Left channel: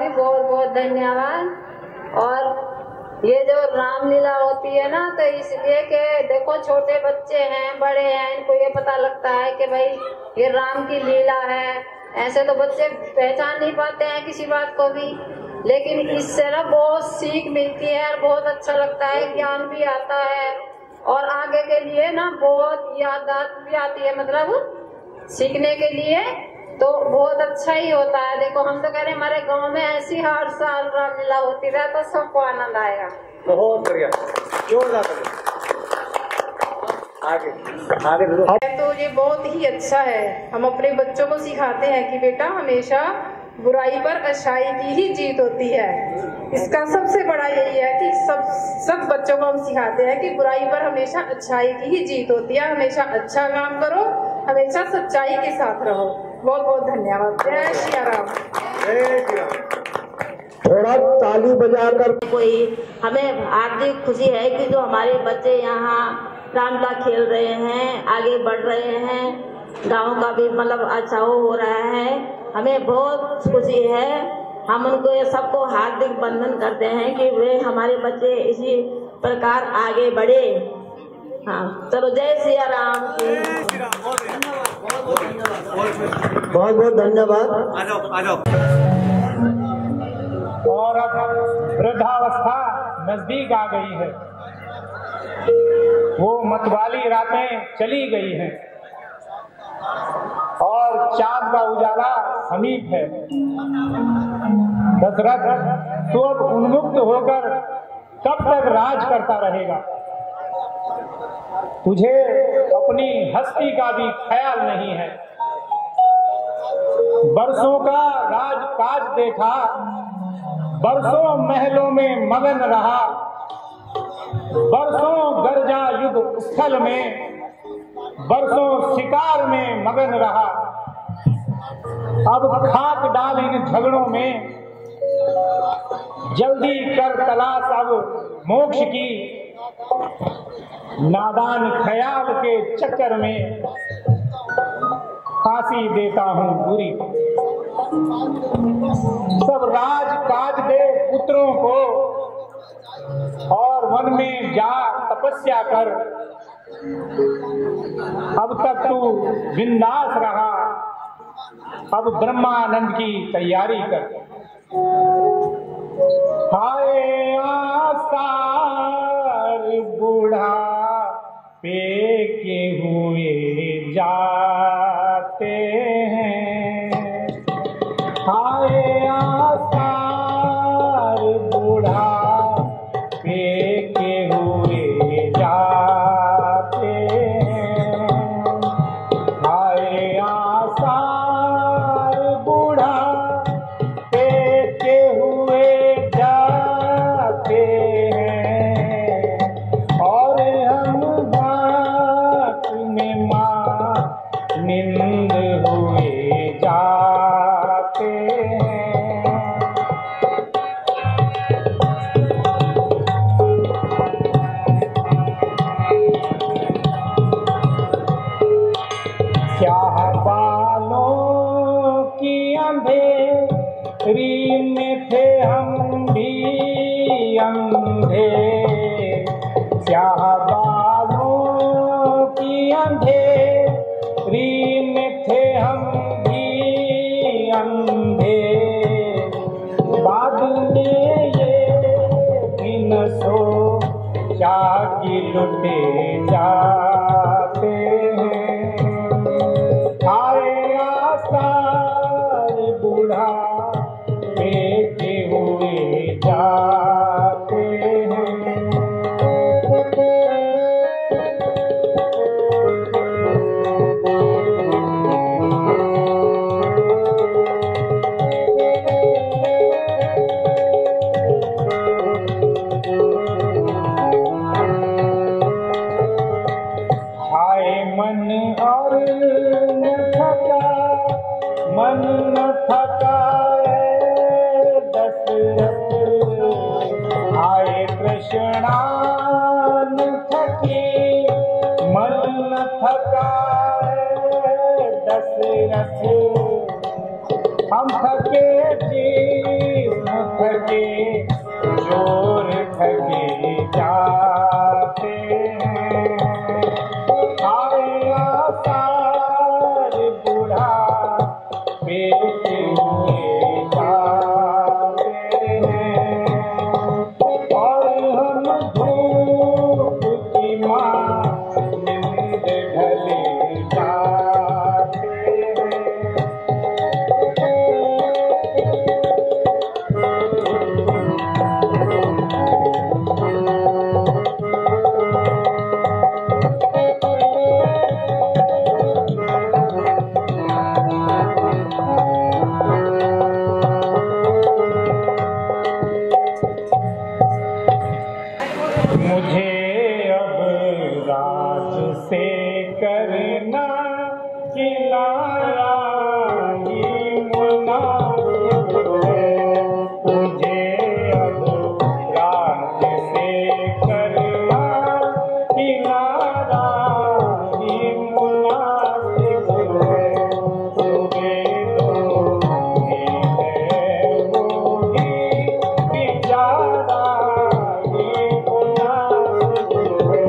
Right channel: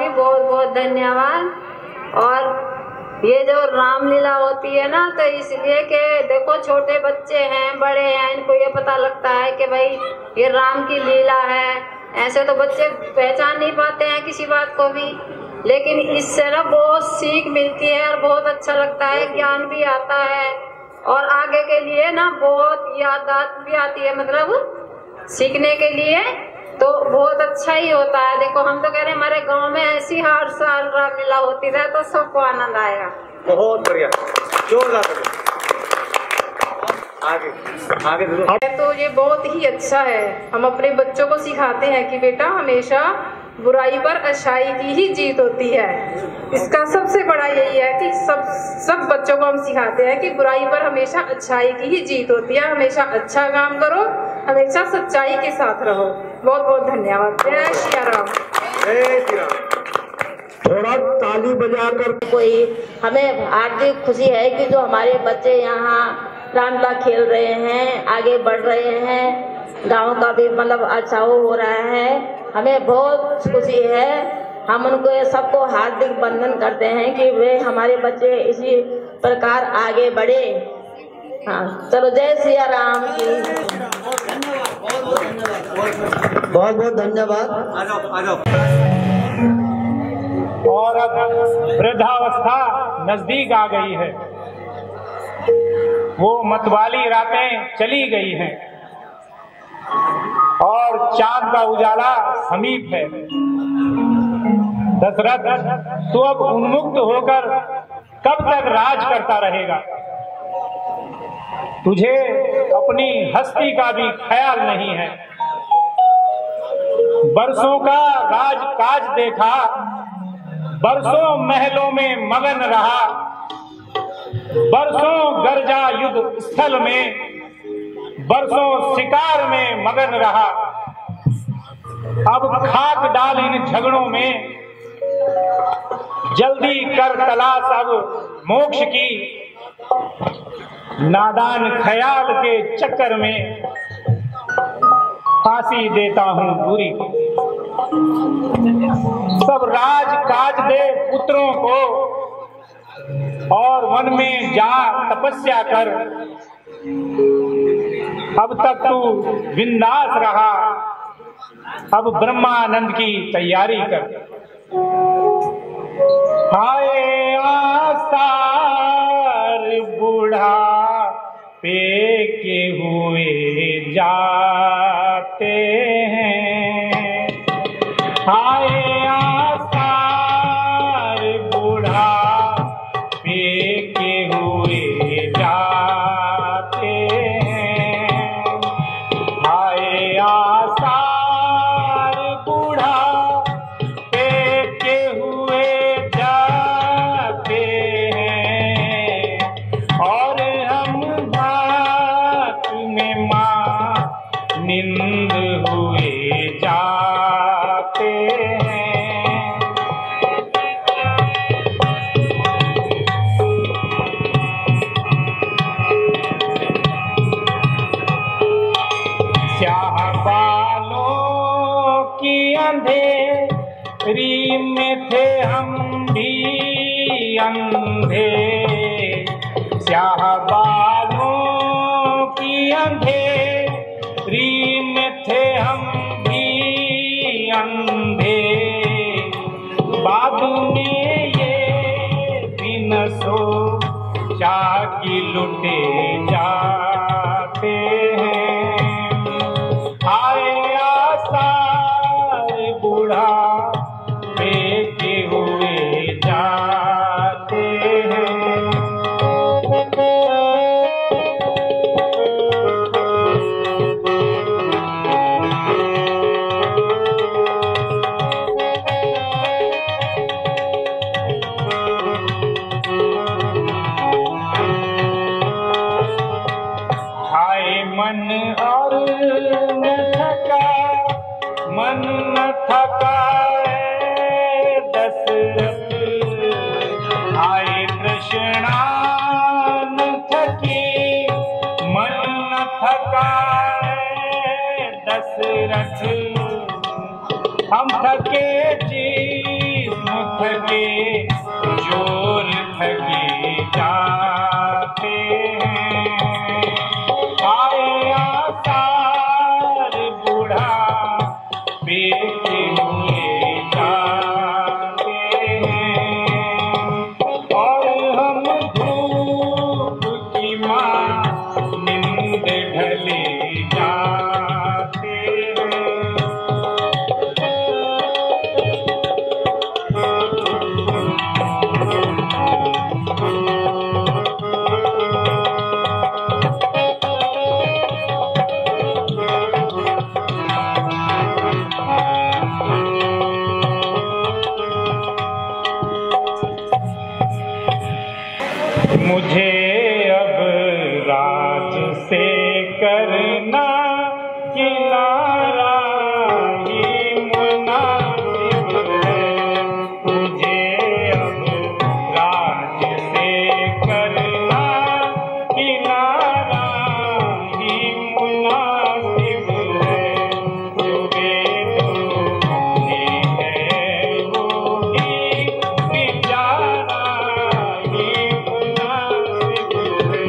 भी बहुत बहुत धन्यवाद। और ये जो रामलीला होती है ना, तो इसलिए कि देखो छोटे बच्चे हैं, बड़े हैं, इनको ये पता लगता है कि भाई ये राम की लीला है। ऐसे तो बच्चे पहचान नहीं पाते हैं किसी बात को भी, लेकिन इससे ना बहुत सीख मिलती है और बहुत अच्छा लगता है, ज्ञान भी आता है और आगे के लिए ना बहुत याददाश्त भी आती है, मतलब सीखने के लिए तो बहुत अच्छा ही होता है। देखो हम तो कह रहे हैं हमारे गांव में ऐसी हर साल रामलीला होती रहे तो सबको आनंद आएगा। बहुत बढ़िया, जोरदार आगे। तो ये बहुत ही अच्छा है। हम अपने बच्चों को सिखाते हैं कि बेटा हमेशा बुराई पर अच्छाई की ही जीत होती है। इसका सबसे बड़ा यही है कि सब बच्चों को हम सिखाते हैं कि बुराई पर हमेशा अच्छाई की ही जीत होती है। हमेशा अच्छा काम करो, हमेशा सच्चाई के साथ रहो। बहुत बहुत धन्यवाद। जय श्री राम। जय श्री राम। थोड़ा ताली बजाकर कोई हमें हार्दिक खुशी है कि जो हमारे बच्चे यहाँ रामलीला खेल रहे हैं, आगे बढ़ रहे हैं, गाँव का भी मतलब अच्छा हो रहा है। हमें बहुत खुशी है। हम उनको ये सबको हार्दिक वंदन करते हैं कि वे हमारे बच्चे इसी प्रकार आगे बढ़े। हाँ, चलो जय सिया राम की। बहुत बहुत धन्यवाद। आ जाओ। और अब वृद्धावस्था नजदीक आ गई है, वो मतवाली रातें चली गई हैं और चांद का उजाला समीप है। दशरथ, तू अब उन्मुक्त होकर कब तक राज करता रहेगा? तुझे अपनी हस्ती का भी ख्याल नहीं है। बरसों का राज काज देखा, बरसों महलों में मगन रहा, बरसों गर्जा युद्ध स्थल में, बरसों शिकार में मगन रहा। अब खाक डाल इन झगड़ों में, जल्दी कर तलाश अब मोक्ष की। नादान ख्याल के चक्कर में फांसी देता हूं दूरी को। सब राज काज दे पुत्रों को और वन में जा तपस्या कर। अब तक तू बिंदास रहा, अब ब्रह्मानंद की तैयारी कर। हाय आसार बूढ़ा पे के हुए जाते हैं। हाय आसार बूढ़ा पे के हुए जाते हैं। हाय आसार बूढ़ा पे के हुए जाते हैं और हम भात में मानिंद हुए जाते हैं। स्याह बालों की अंधेरी में थे हम भी अंधे। स्याह बालों की अंधेरी में थे हम भी अंधे। बाद में ये भी न सोचा कि लुटे जाते हैं। हाय आसार बूढ़ा पे के हुए जाते हैं। हाय मन और न थका, मन न थका दशरथ। हाय कृष्णा न थकी, मन न थका दशरथ। हम थके जी थके जोर थके जाते हैं। आए आसार बूढ़ा बेटे हुए जाते हैं और हम धूप की माँ नींद ढले जाते हैं। मुझे अब राज से करना किनारा ही मुनासिब है। मुझे अब राज से करना किनारा ही मुनासिब है। जो वेदों ने है वो ही विचारा ही मुनासिब है।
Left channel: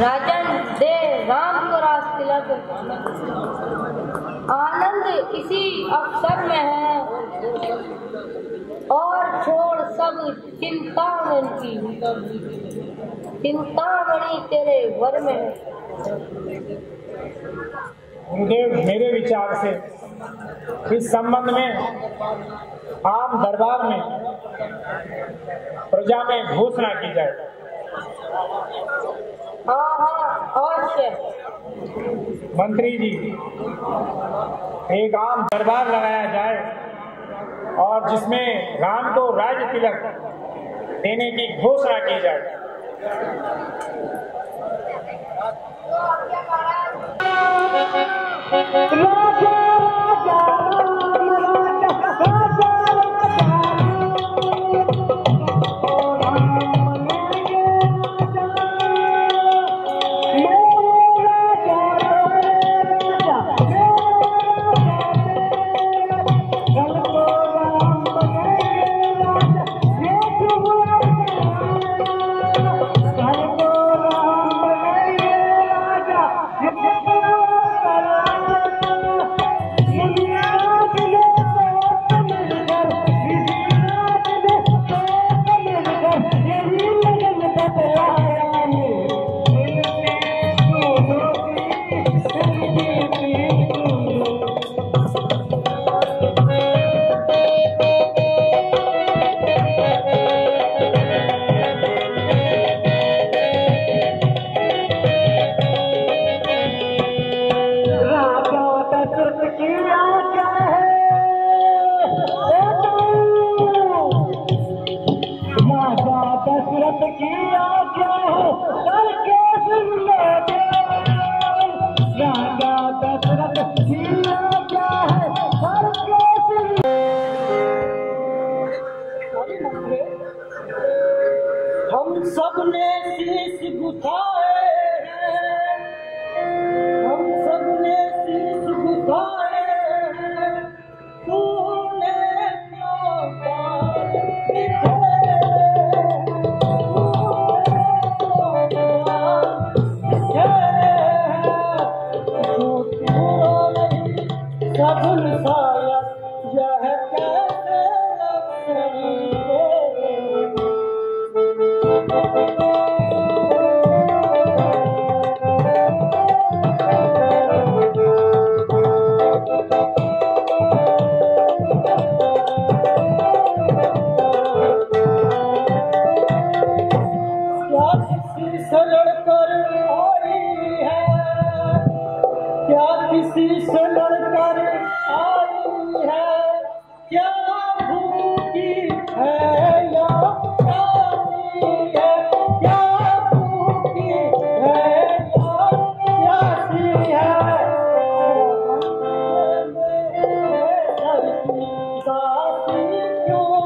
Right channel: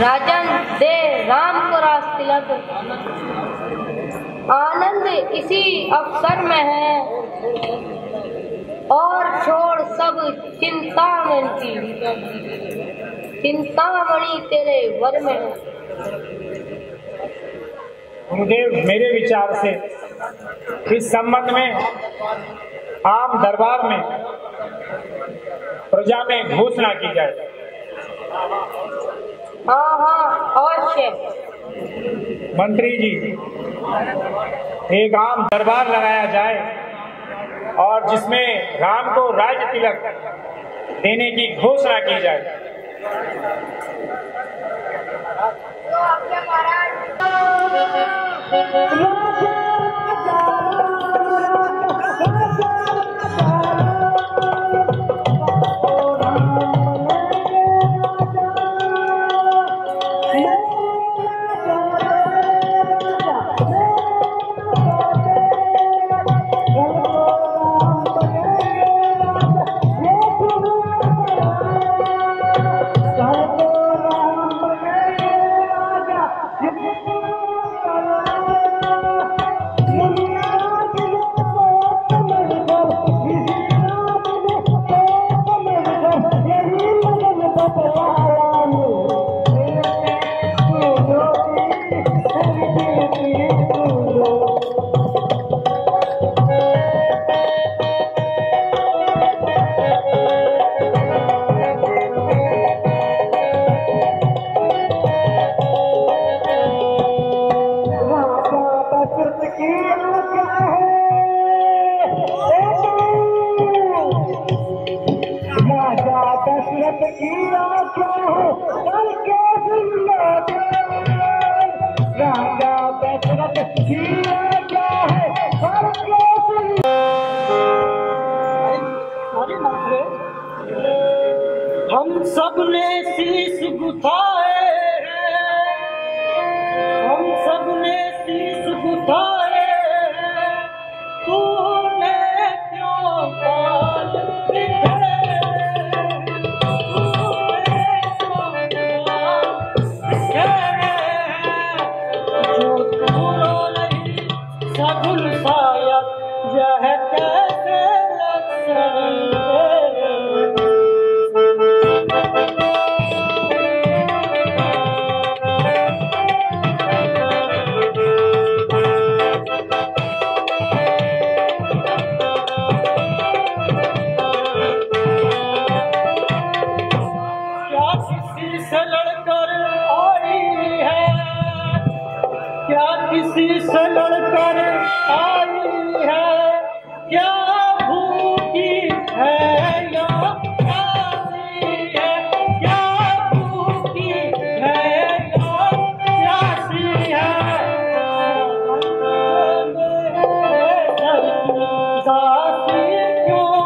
राजन दे राम को रास तिलक, आनंद इसी अवसर में है और छोड़ सब चिंतामणि तेरे वर में है। गुरुदेव, मेरे विचार से इस संबंध में आम दरबार में प्रजा में घोषणा की जाए। हाँ अवश्य। मंत्री जी, एक आम दरबार लगाया जाए और जिसमें राम को राज्य तिलक देने की घोषणा की जाए। हम सब ने शीश गुथाए हैं, हम सब ने शीश गुथाए हैं, तूने क्यों बाल बिखेरे, तूने क्यों बाल बिखेरे हैं, जो तू रो रही किसी से लड़कर आई है, क्या भूखी है या प्यासी है, क्या भूखी है या प्यासी है, दासी क्यों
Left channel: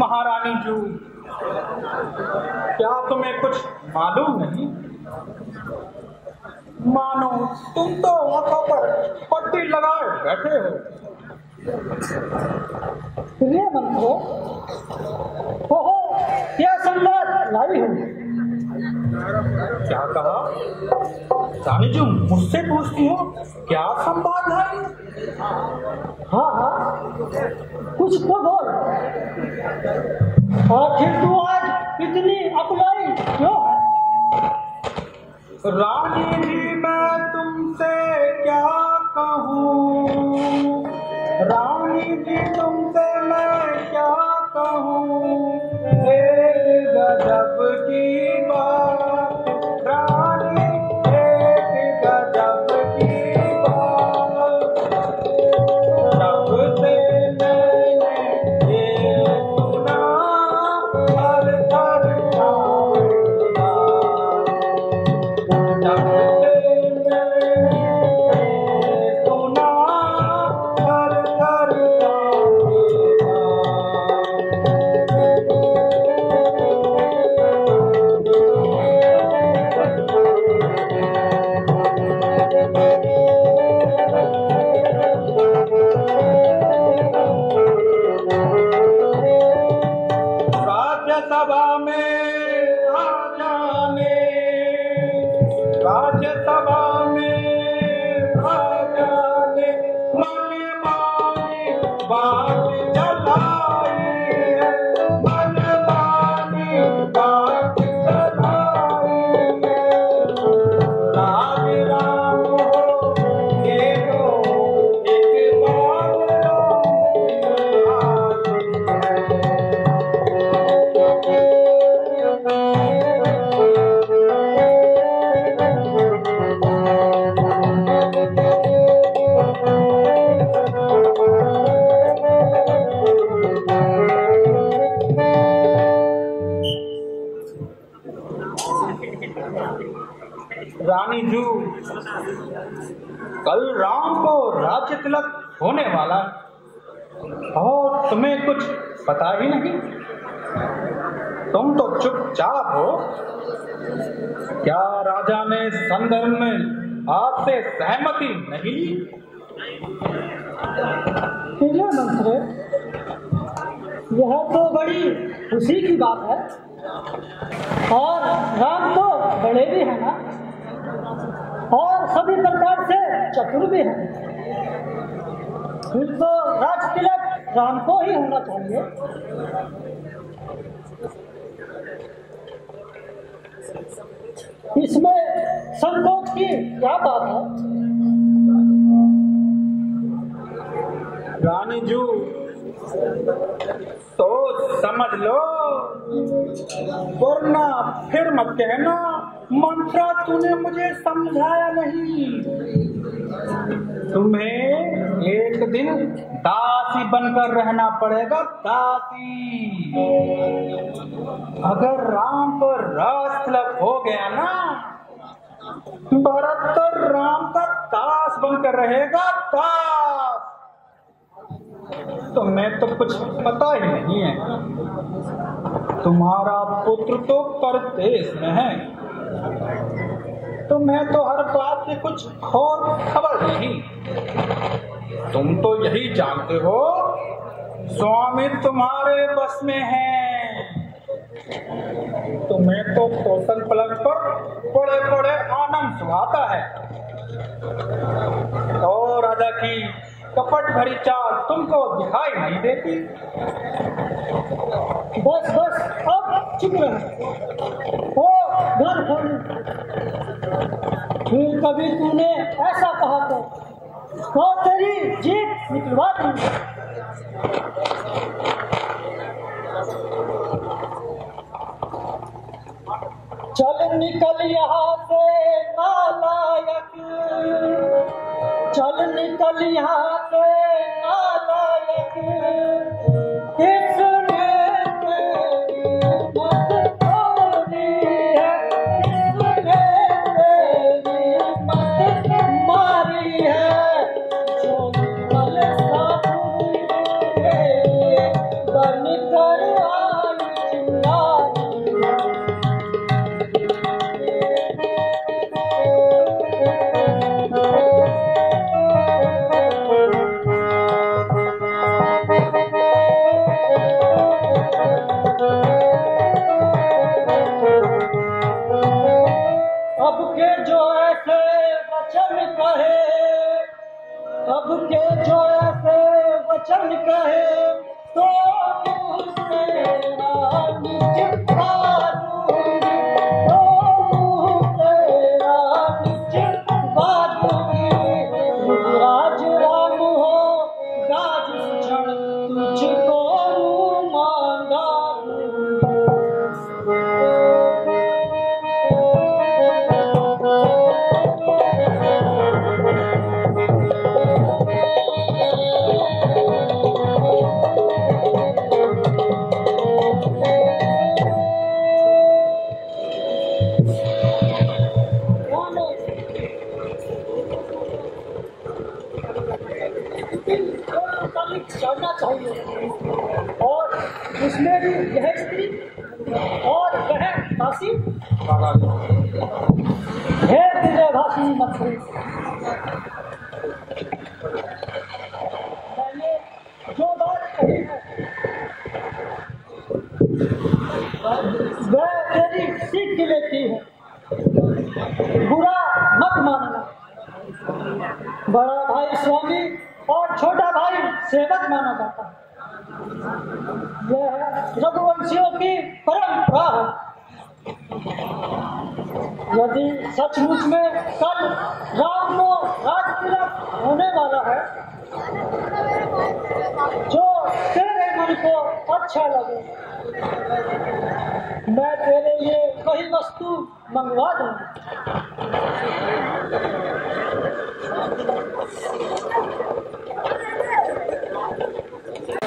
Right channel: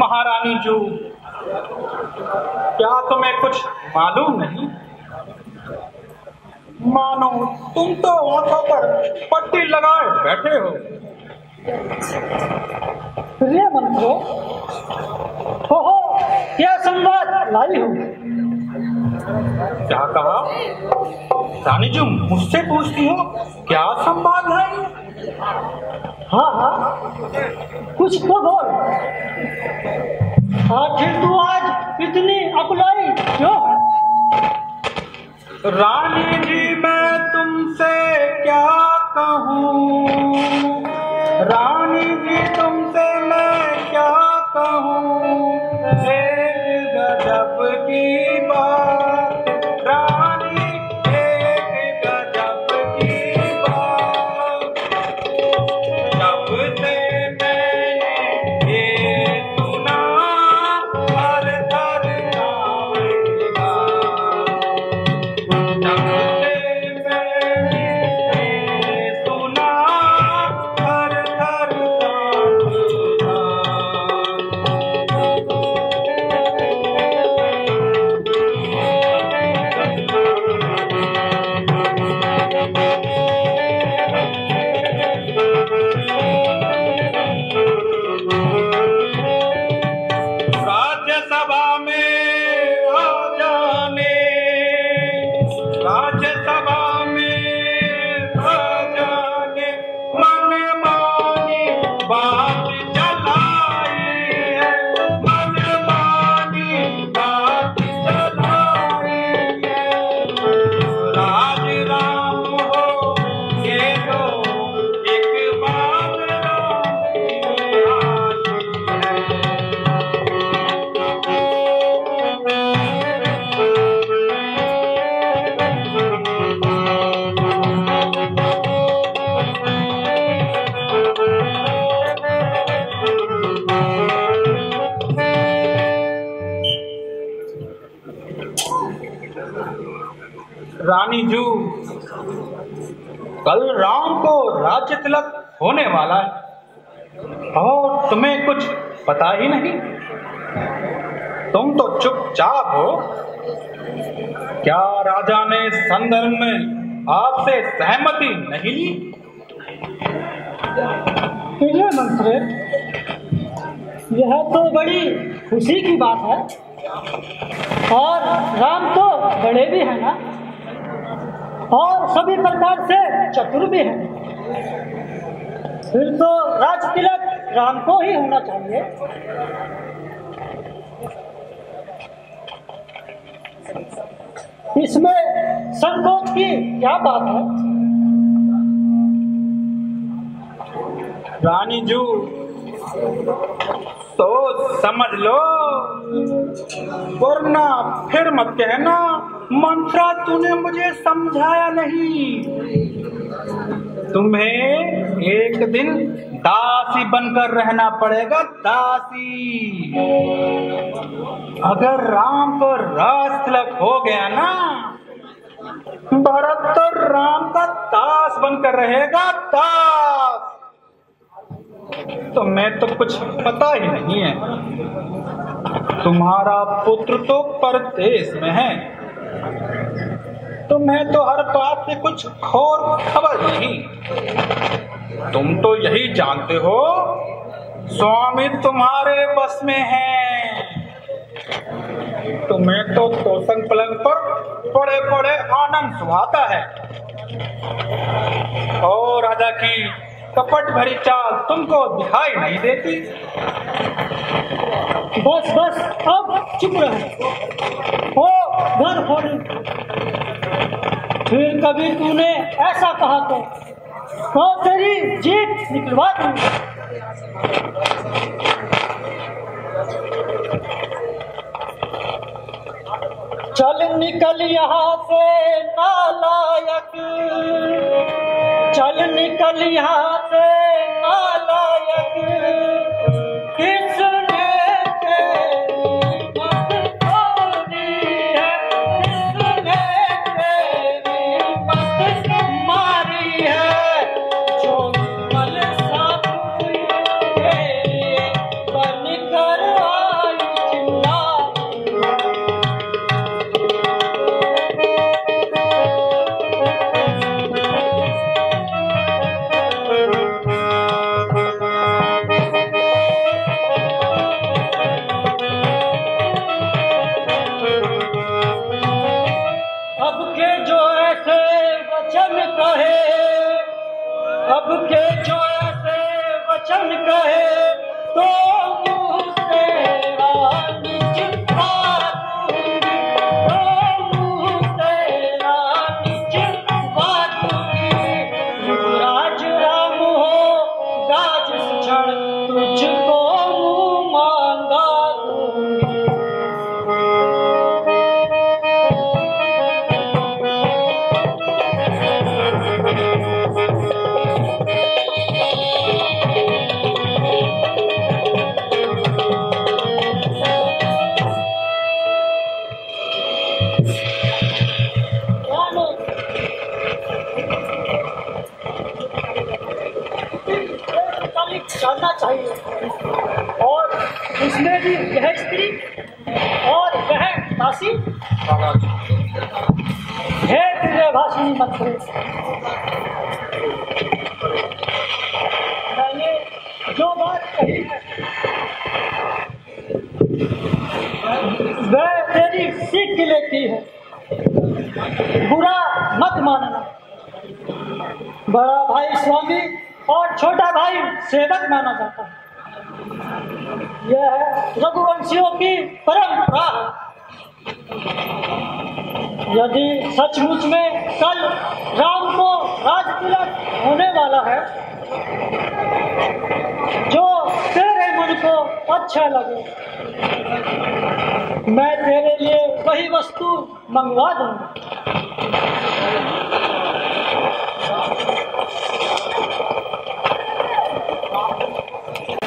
महारानी जू, क्या तुम्हें कुछ मालूम नहीं? मानो तुम तो आंखों पर पट्टी लगाए बैठे हो। प्रिय मंत्रो, कहो क्या संवाद लाई हो? क्या कहा? रानी जू मुझसे पूछती हो क्या संवाद है? हाँ हाँ, कुछ तो बोल। आखिर तू आज इतनी अकुलाई क्यों है? रानी जी मैं तुमसे क्या कहूँ, रानी जी तुमसे मैं क्या कहूँ, एक गजब की बात, रानी एक गजब की बात, जब से मैंने ये सुना हर थर कांपेगा, जब से मैंने ये सुना हर थर कांपेगा। राज्यसभा में आ जाने, राज्यसभा में आ जाने, मन मानी बात चलाई है, मन मानी बात चलाई है, राज राम हो ये तो एक बात राम की आई है। रानी जू, कल राम को राज्य तिलक होने वाला है और तुम्हें कुछ पता ही नहीं। तुम तो चुपचाप हो। क्या राजा ने संदर्भ में आपसे सहमति नहीं ली? प्रिय मंत्री, यह तो बड़ी खुशी की बात है और राम तो बड़े भी हैं ना, और सभी प्रकार से चतुर भी हैं। फिर तो राज तिलक राम को ही होना चाहिए। इसमें संकोच की क्या बात है? रानी जू, सोच समझ लो, वरना फिर मत कहना मंत्रा तूने मुझे समझाया नहीं। तुम्हें एक दिन दासी बनकर रहना पड़ेगा, दासी। अगर राम को राज तिलक हो गया ना, भरत तो राम का दास बनकर रहेगा, दास। तुम्हें तो कुछ पता ही नहीं है। तुम्हारा पुत्र तो परदेश में है, तुम्हें तो हर बात की कुछ और खबर नहीं। तुम तो यही जानते हो स्वामी तुम्हारे बस में है। तुम्हें तो तोषण पलंग पर बड़े बड़े आनंद सुहाता है और राजा की कपट भरी चाल तुमको दिखाई नहीं देती? बस बस अब चुप रहे। ओ घर फोड़ी, फिर कभी तूने ऐसा कहा तो तेरी जीत निकलवा दूंगा। चल निकल यहाँ से नालायक, चल निकल यहाँ से नालायक, किसने तेरी मत तोड़ी है, किसने तेरी मत मारी है, जो पल साबुन के बन कर आई चिंगारी। अब के जो ऐसे वचन कहे, अब के जो ऐसे वचन कहे, तो मुँह तेरा निचवा दूंगी, तो मुँह तेरा निचवा दूंगी। युवराज राम होगा जिस क्षण, तुझको मुँह मांगा दूंगी। जानना चाहिए, और उसमें भी यह स्त्री और वह दासी। हे दिव्यभाषिणी मंत्री, मैंने जो बात कही है वह तेरी सीख लेती है, बुरा मत मानना। बड़ा भाई स्वामी और छोटा भाई सेवक माना जाता है। यह रघुवंशियों की परंपरा है। यदि सचमुच में कल राम को राज तिलक होने वाला है, जो तेरे मन को अच्छा लगे, मैं तेरे लिए वही वस्तु मंगवा दूंगा।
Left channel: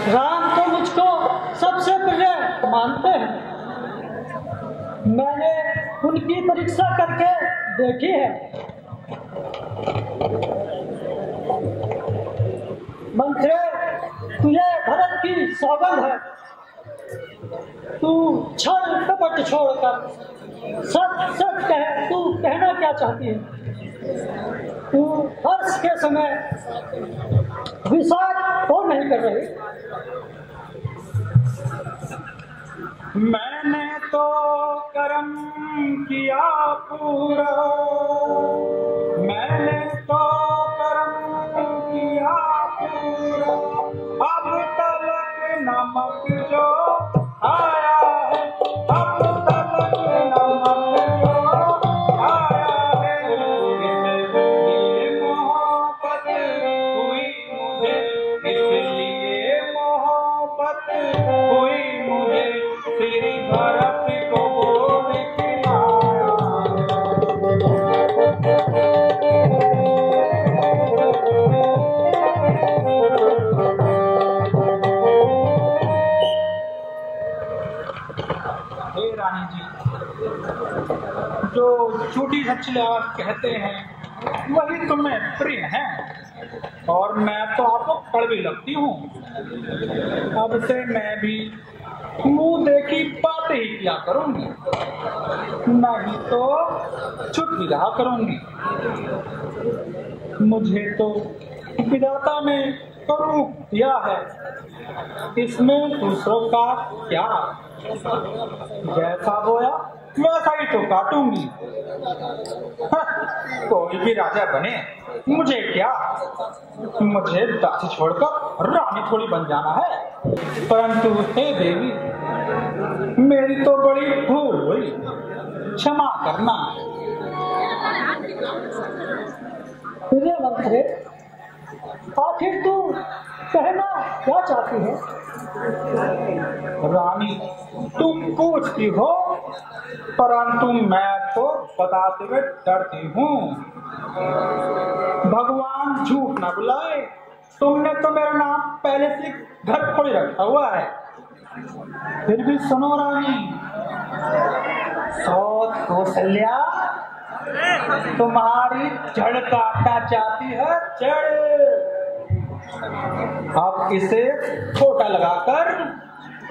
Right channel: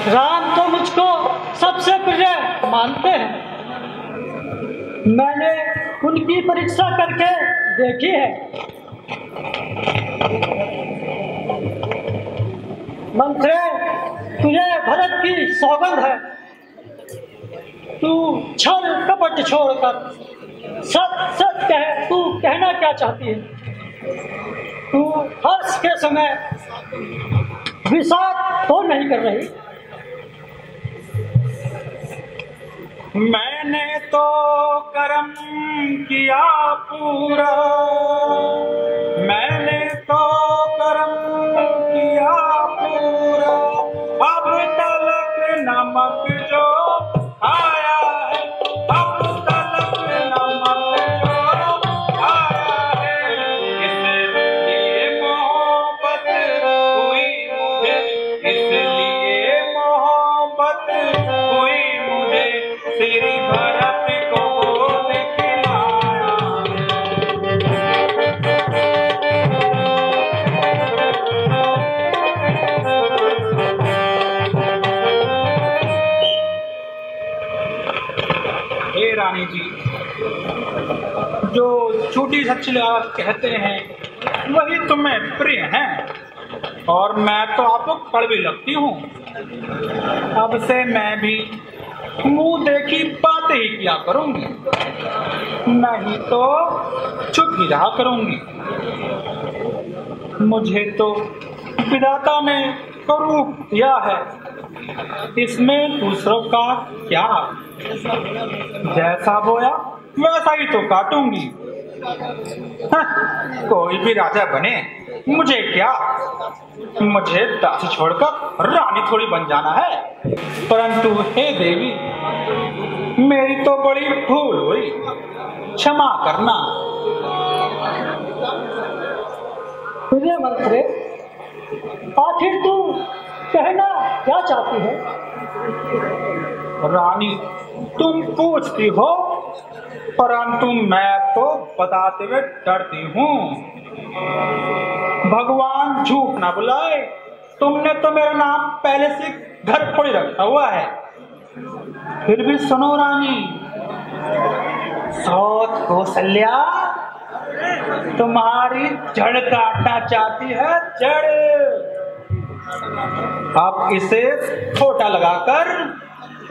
राम तो मुझको सबसे प्रिय मानते हैं। मैंने उनकी परीक्षा करके देखी है। मंत्री, तुझे भरत की सौगंध है, तू छल कपट छोड़कर सच सच कह, तू कहना क्या चाहती है? तू हर्ष के समय विषाद तो नहीं कर रही? मैंने तो कर्म किया पूरा, मैंने तो कर्म किया पूरा, अब तलक नमक जो आया है, अब तलक नमक जो आया है, इसलिए मोहब्बत हुई मुझे, इसलिए मोहब्बत हुई मुझे, श्री भरत को दिखलाया। हे रानी जी, जो झूठी सच्ची बात कहते हैं वही तुम्हें प्रिय हैं, और मैं तो आपको कड़वी लगती हूँ। अब से मैं भी मुंह देखी बातें ही किया करूंगी, नहीं तो चुप ही रहा करूंगी। मुझे तो विधाता ने करूं दिया है, इसमें दूसरों का क्या? जैसा बोया वैसा ही तो काटूंगी। कोई भी राजा बने, मुझे क्या, मुझे दासी छोड़कर रानी थोड़ी बन जाना है। परंतु हे देवी, मेरी तो बड़ी भूल हुई, क्षमा करना। प्रिय मंत्री, आखिर तू कहना क्या चाहती है? रानी, तुम पूछती हो, परंतु मैं तो बताते हुए डरती हूँ। भगवान झूठ ना बुलाए, तुमने तो मेरा नाम पहले से घर थोड़ी रखा हुआ है। फिर भी सुनो रानी, सौत कौशल्या तुम्हारी जड़ काटना चाहती है, जड़। अब इसे छोटा लगाकर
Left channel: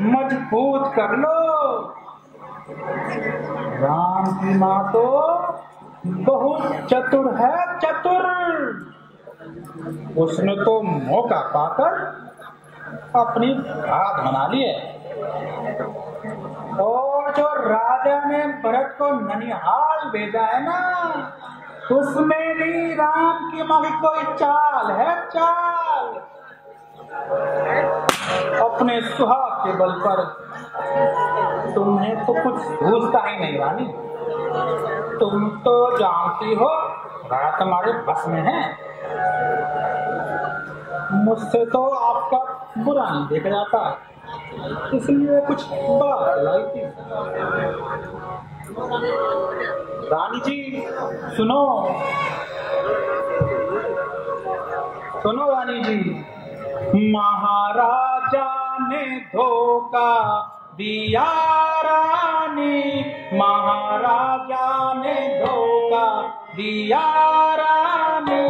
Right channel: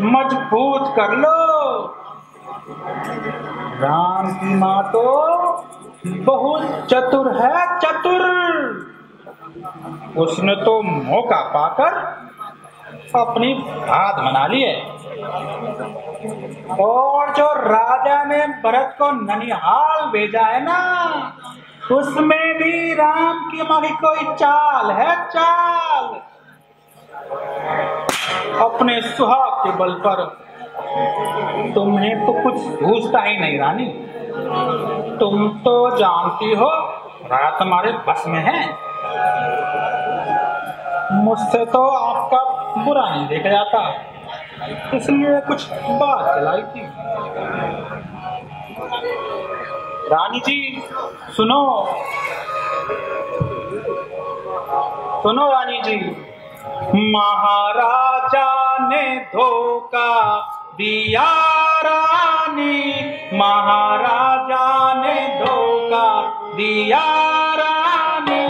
मजबूत कर लो। राम की माँ तो बहुत चतुर है, चतुर। उसने तो मौका पाकर अपनी बात बना ली है। और जो राजा ने भरत को ननिहाल भेजा है ना, उसमें भी राम की माँ की कोई चाल है, चाल। अपने सुहाग के बल पर तुम्हें तो कुछ सूझता ही नहीं रानी। तुम तो जानती हो राजा तुम्हारे बस में है। मुझसे तो आपका बुरा नहीं देखा जाता, इसलिए कुछ बात चलाई थी। रानी जी सुनो, सुनो रानी जी। महाराजा ने धोखा दिया रानी, महाराजा ने धोखा दिया रानी।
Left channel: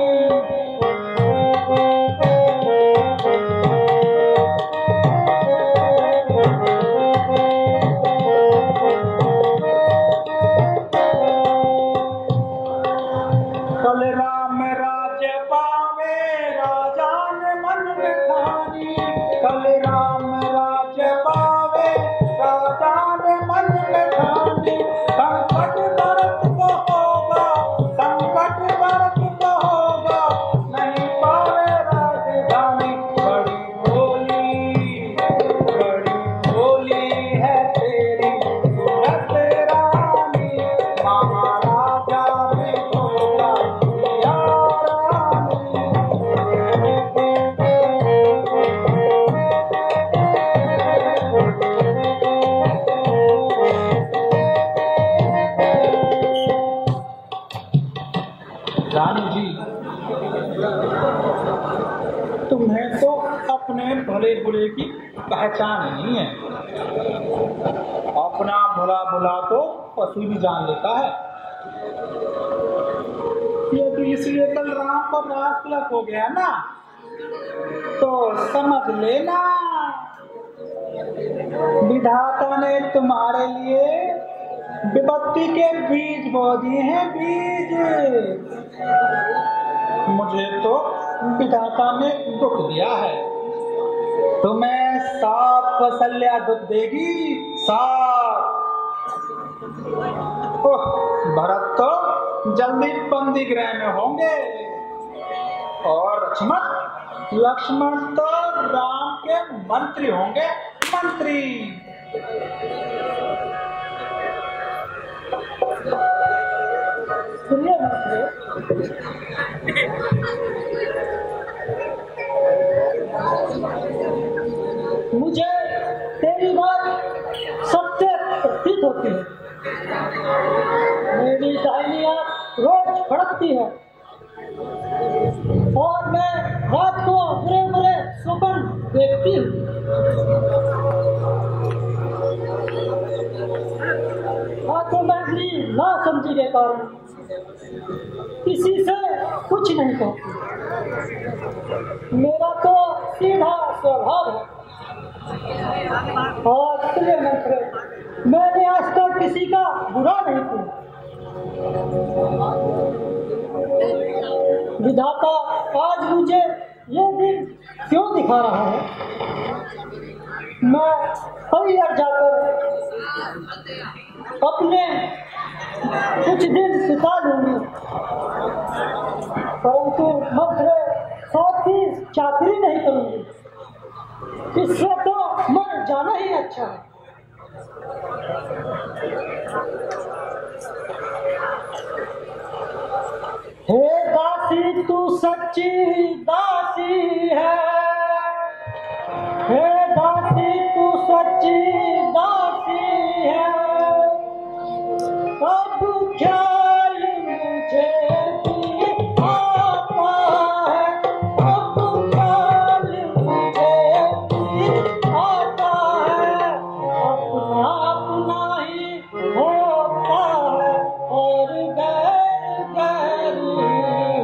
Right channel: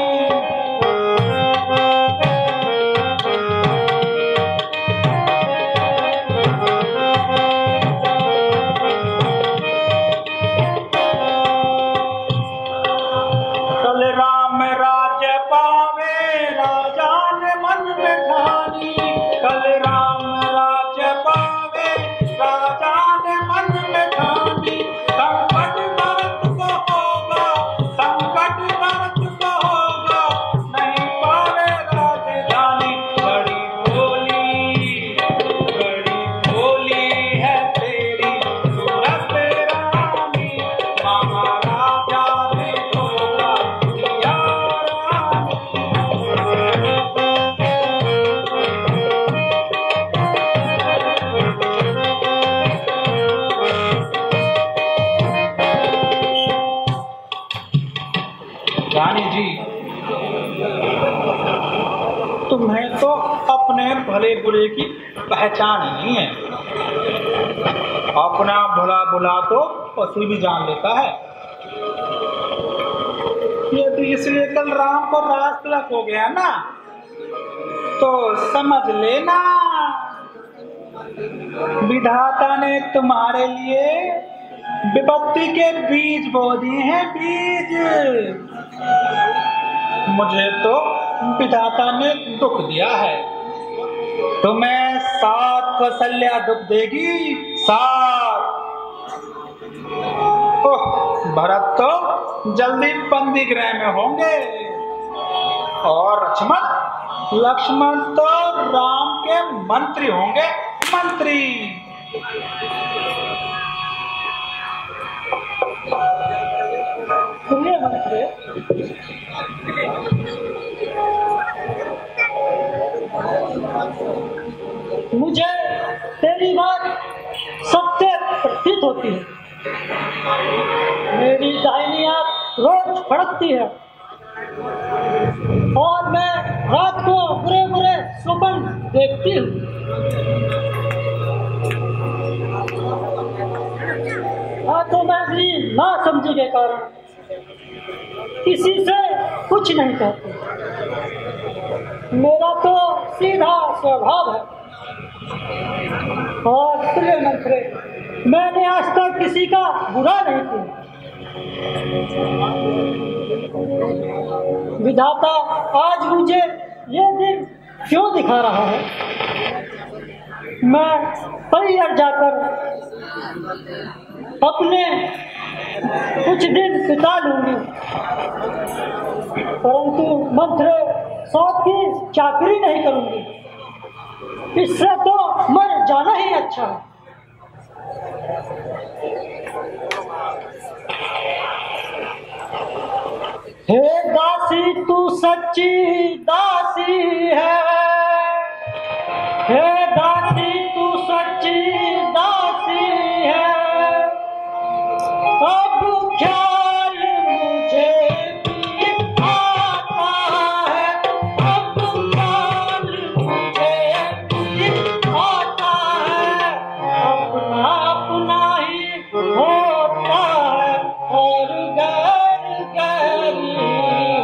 कल राम राज्य पावे राजा ने मन में ठानी, कल राम राज्य पावे राजा ने मन में ठानी। संकट भरत को होगा, संकट भरत को होगा, नहीं पावे राजधानी। बड़ी भोली है तेरी सूरत रानी, महाराजा ने धोखा दिया रानी जी। तुम्हें तो अपने भले बुरे की पहचान नहीं है। अपना भला बुला तो पशु भी जान लेता है। ये तो इसलिए कल राम को राज तिलक हो गया ना, तो समझ लेना विधाता ने तुम्हारे लिए विपत्ति के बीज बो दिए हैं, बीज। मुझे तो विधाता ने दुख दिया है, तुम्हें 7 कौशल्या दुख देगी, 7। ओह, भरत तो जल्दी बंदी गृह में होंगे, और लक्ष्मण तो राम के मंत्री होंगे, मंत्री। सुनिए मंत्री, मुझे तेरी बात सत्य प्रतीत होती है। मेरी दाहिनी आंख रोज फड़कती है और मैं रात को बुरे बुरे स्वप्न देखती हूँ। तो मैं भी ना समझी के कारण किसी से कुछ नहीं कहती। मेरा तो सीधा स्वभाव है, और प्रिय मंत्री, मैंने आज तक किसी का बुरा नहीं किया। विधाता आज मुझे ये दिन क्यों दिखा रहा है? मैं परिहर जाकर अपने कुछ दिन बिता लूंगी, परंतु मंत्र सौत की चाकरी नहीं करूंगी। इससे तो मर जाना ही अच्छा है। हे दासी तू सच्ची दासी है, हे दासी तू सच्ची दासी है। अब ख्याल मुझे भी आता है, अब ख्याल मुझे भी आता है। अपना अपना ही होता है और गैर गैर ही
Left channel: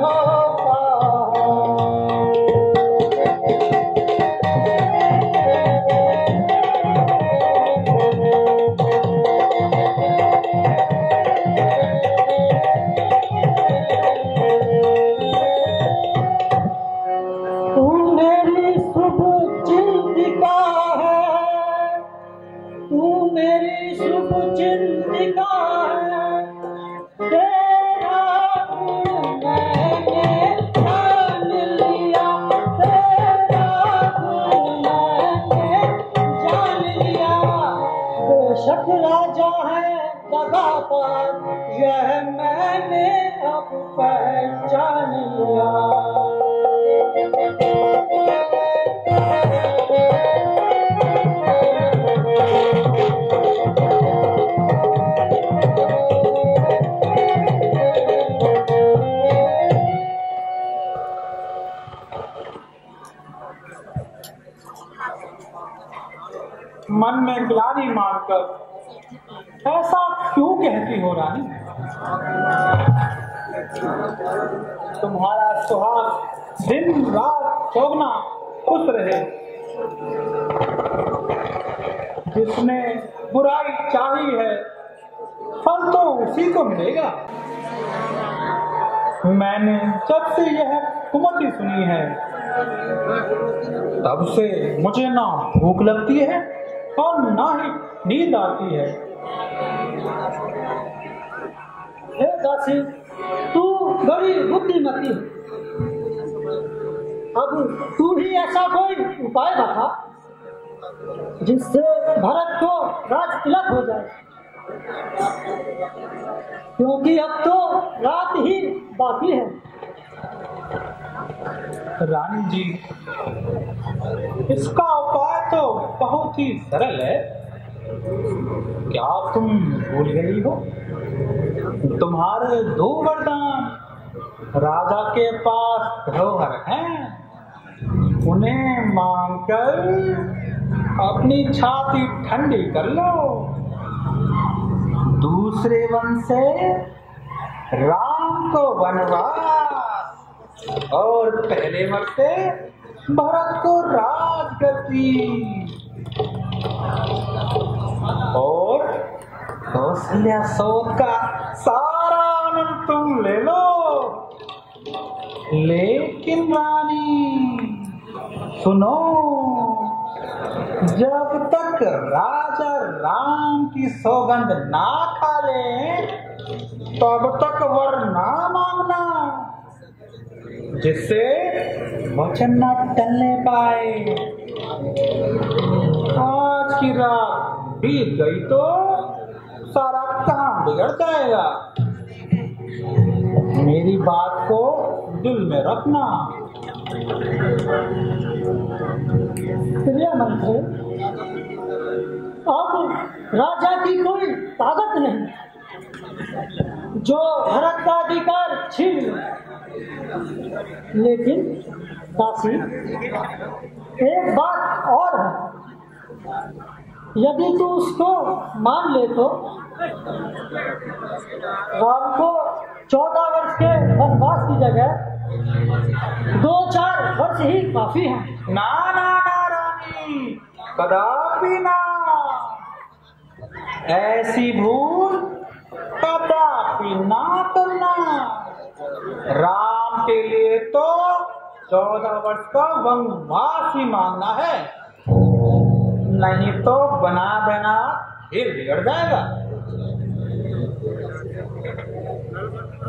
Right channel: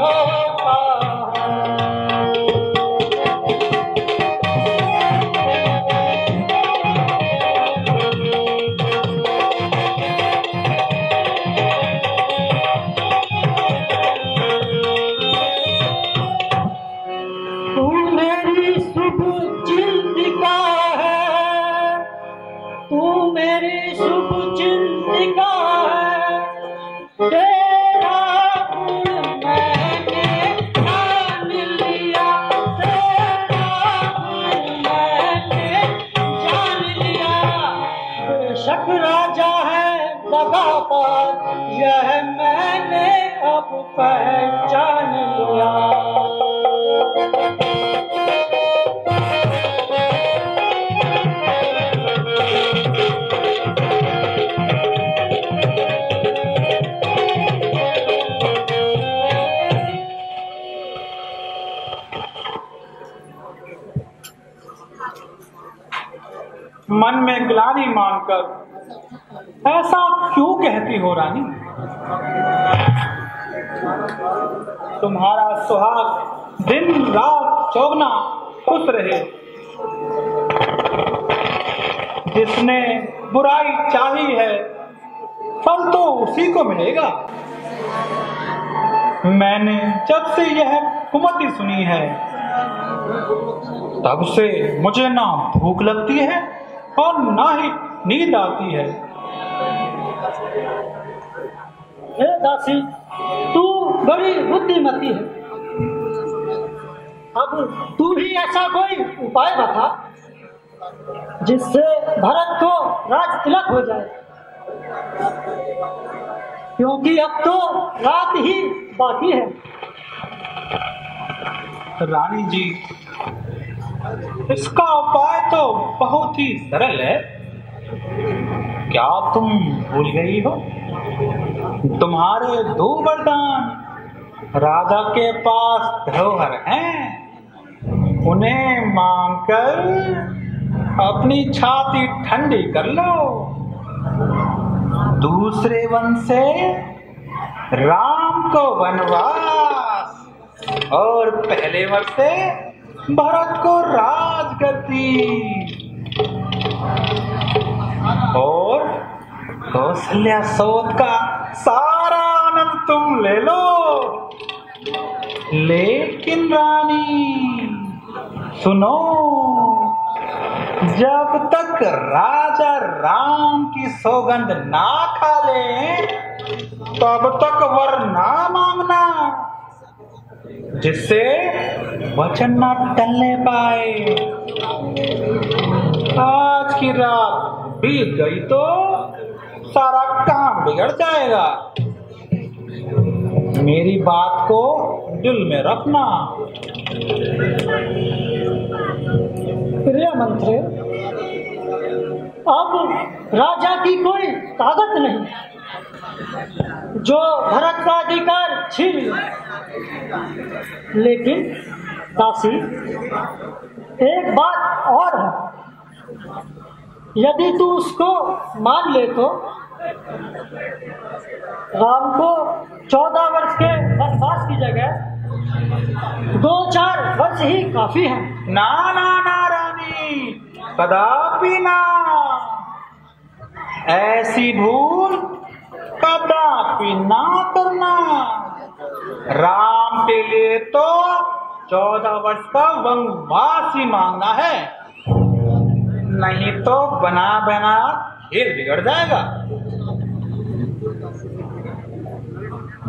होता तू मेरी शुभ चिंतिका है, तू मेरी शुभ चिंतिका है। तेरा गुण मैंने जान लिया, तेरा गुण मैंने जान लिया। बेशक राजा है लगातार, यह मैंने अब पहचान लिया। मन में ग्लानि मानकर ऐसा क्यों कहती हो रानी? तुम्हारा सुहाग दिन रात चौगना खुश रहे। जिसने बुराई चाही है फल तो उसी को मिलेगा। मैंने जब से यह कुमति सुनी है तब से मुझे ना भूख लगती है और ना ही नींद आती है। हे दासी तू बड़ी बुद्धिमती है। अब तू ही ऐसा कोई उपाय बता जिससे भरत को राज तिलक हो जाए, क्योंकि अब तो रात ही बाकी है। रानी जी, इसका उपाय तो बहुत ही सरल है। क्या तुम भूल गई हो? तुम्हारे 2 वरदान राजा के पास धरोहर हैं। उन्हें मांगकर अपनी छाती ठंडी कर लो। दूसरे वन से राम को वनवास और पहले वन से भरत को राजगद्दी और कौशल्या सोत का सारा आनंद तुम ले लो। लेकिन रानी सुनो, जब तक राजा राम की सौगंध ना खा ले तब तक वर ना मांगना, जिससे वचन न टलने पाए। आज की रात बीत गई तो सारा काम बिगड़ जाएगा। मेरी बात को दिल में रखना। प्रिय मंत्री, अब राजा की कोई ताकत नहीं जो भरत का अधिकार छीन ले। लेकिन दासी, एक बात और है। यदि तू उसको मान ले तो राम को 14 वर्ष के वनवास की जगह 2-4 वर्ष ही काफी है। ना ना ना रानी, कदापि ना। ऐसी भूल कदापि ना करना। राम के लिए तो 14 वर्ष का वनवास ही मांगना है। नहीं तो बना बना खेल बिगड़ जाएगा।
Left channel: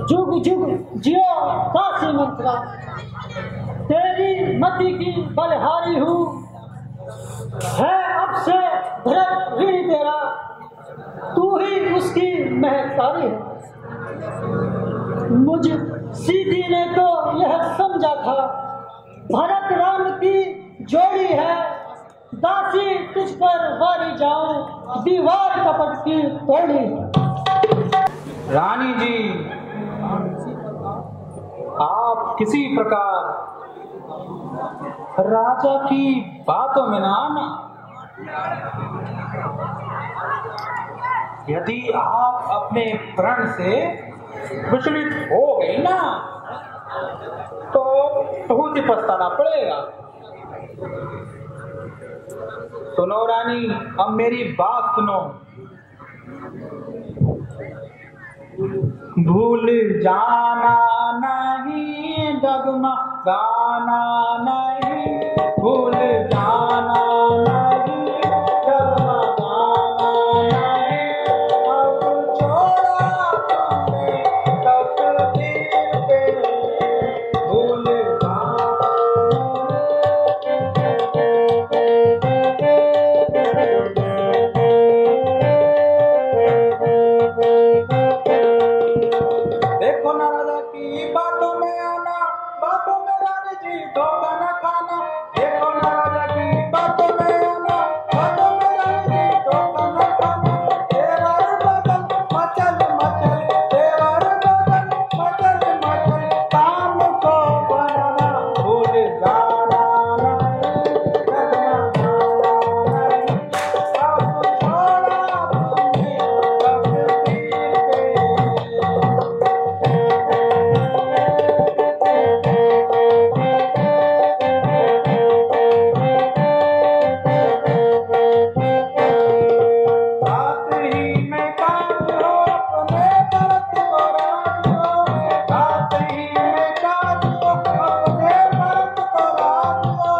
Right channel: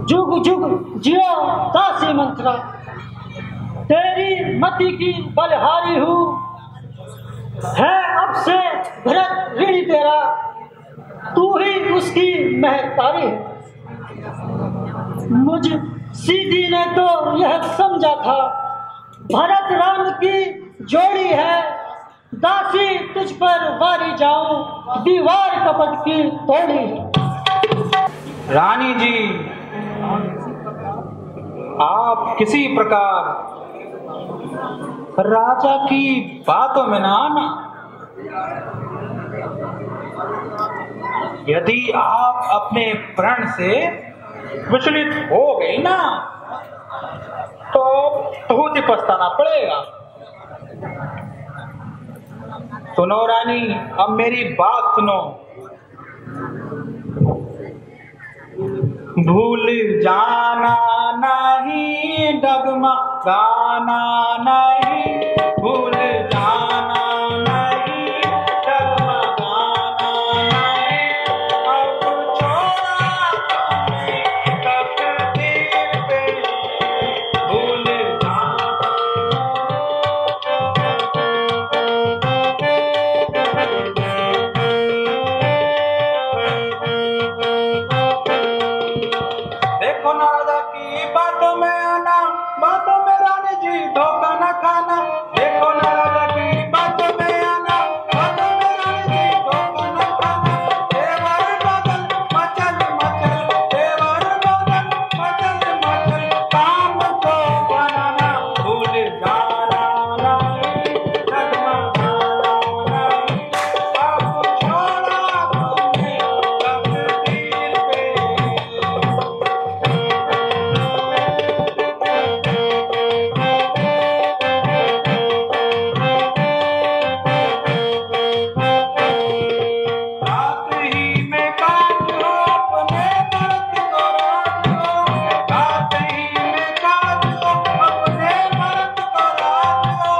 जुग जुग जियो दासी मंत्रा, तेरी मति की बलहारी हूँ, है अब से भरत ऋणी तेरा, तू ही उसकी महतारी है। मुझ सीधी ने तो यह समझा था भरत राम की जोड़ी है, दासी तुझ पर वारी जाऊं, दीवार कपट की तोड़ी। रानी जी, आप किसी प्रकार राजा की बातों में ना आना। यदि आप अपने प्रण से विचलित हो गए ना तो बहुत ही पछताना पड़ेगा। सुनो रानी, अब मेरी बात सुनो। भूल जाना नहीं, डगमगाना नहीं, भूल जाना नहीं, डगमगाना नहीं, अब छोड़ा तुमने तकदीर पे, भूल जाना। देखो ना राजा की बातों में आना, बातों में रानी जी धोखा न खाना। देखो ना राजा की बातों में आना, बातों में रानी जी धोखा न खाना। देवर बदल मचल मचल, देवर बदल मचल मचल, काम को बनाना, भूल जाना नहीं, डगमगाना नहीं, अब छोड़ा तुमने तकदीर पे। रात ही में काज हो, अपने व्रत को राज हो, रात ही में काज हो, अपने व्रत को राज हो।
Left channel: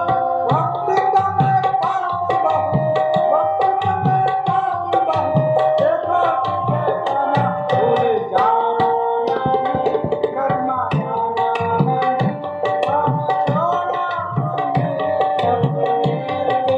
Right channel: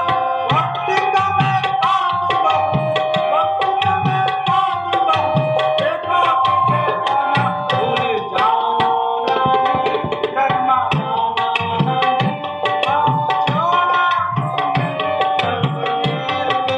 वक्त का मैं काम बहू, वक्त का मैं काम बहू, देखो देखो ना, भूल जाना नहीं, डगमगाना नहीं, अब छोड़ा तुमने तकदीर पे।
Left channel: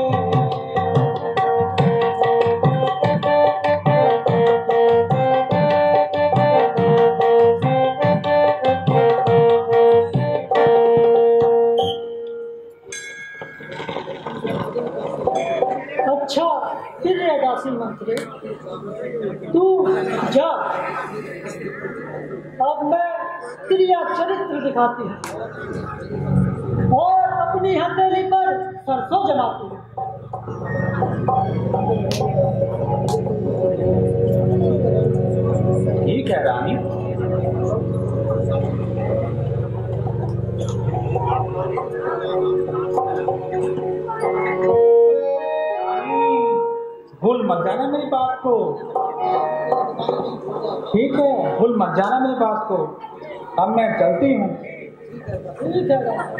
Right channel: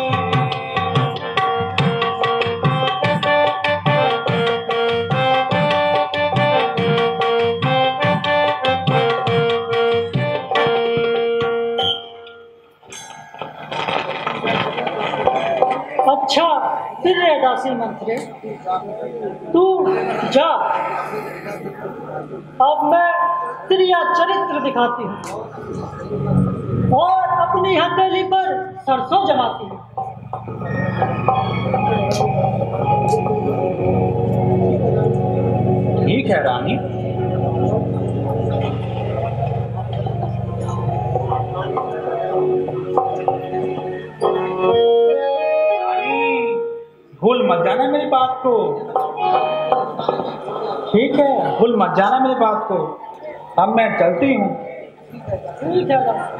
अच्छा फिर रे दासी मंत्री, तू जा, अब मैं क्रिया चरित्र दिखाती हूँ और अपनी हथेली पर सरसों जमाती हूँ। ठीक है रानी। रानी, भूल मत जाना मेरी बात को। ठीक है, भूल मत जाना मेरी बात को। अब मैं चलती हूँ। ठीक है दासी।